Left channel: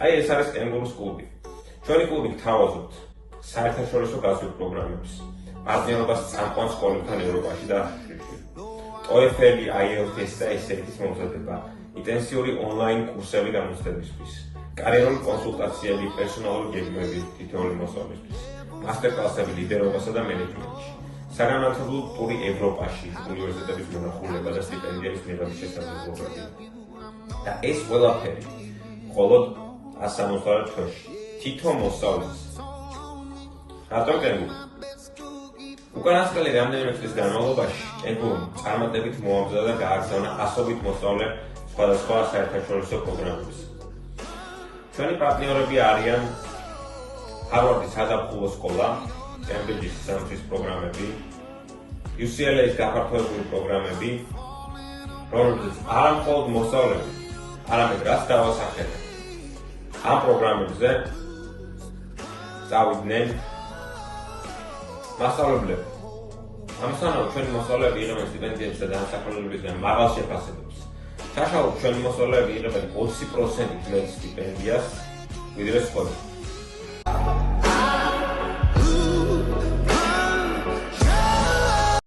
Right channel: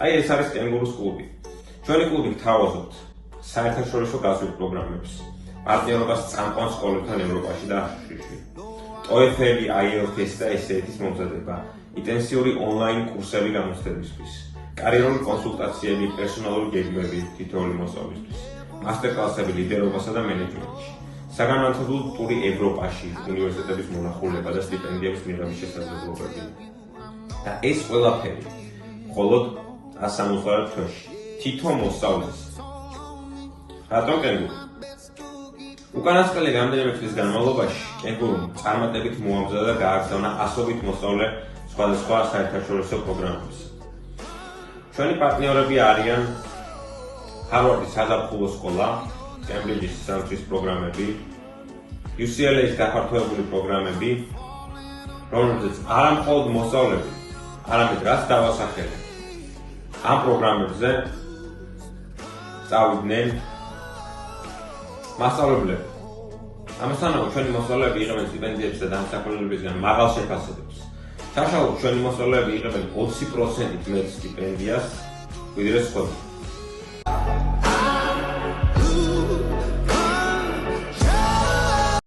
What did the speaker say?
აი ეს არის კენგურუს კლუბი. ჩვენი კლუბი გთავაზობთ საერთაშორისო გაზრდილ პროგრამებს, პარტნიორობას წამყვან სკოლებთან ევროპაში და აფრიკაში. TOEFL, IELTS და SAT-ის მომზადება, ინტენსიური ონლაინ კურსები გამოცდებისთვის, კარიერული კონსულტაციები, პერსონალური გეგმები თითოეული მოსწავლისთვის, მასტერკლასები ლიდერობასა და მენეჯმენტში, საგანმანათლებლო ტური ევროპაში, უნივერსიტეტების მონახულება და სტიპენდიების მიღების შესაძლებლობები. და ეს ყველაფერი მხოლოდ 160 თვეში. თითო მოსწავლეს. რატომ კენგური? უკანასკნელი რამდენიმე წლის განმავლობაში კენგურუმ წარმატებით მოამზადა და გააგზავნა ასობით მოსწავლე სხვადასხვა საერთაშორისო პროგრამების. ჩვენი პარტნიორები არიან ჰარვარდის საზაფხულო სკოლა, კემბრიჯის სამთრის პროგრამები, UCLA-ის გაფართოებული პროგრამები, რომელზეც არა მხოლოდ მოსწავლეები, არამედ რაც დავასახელე. ამ პროგრამებზე სწავლიდნენ მასწავლებლები. ამასთანავე ჩვენი მოსწავლეები იღებენ სტიპენდიებს და დასახელებებისგან მაღალ შეფასებებს. საშუალოდ ჩვენი მოსწავლეები იღებენ 20%-ით მეტ სტიპენდიას, ვიდრე სხვები.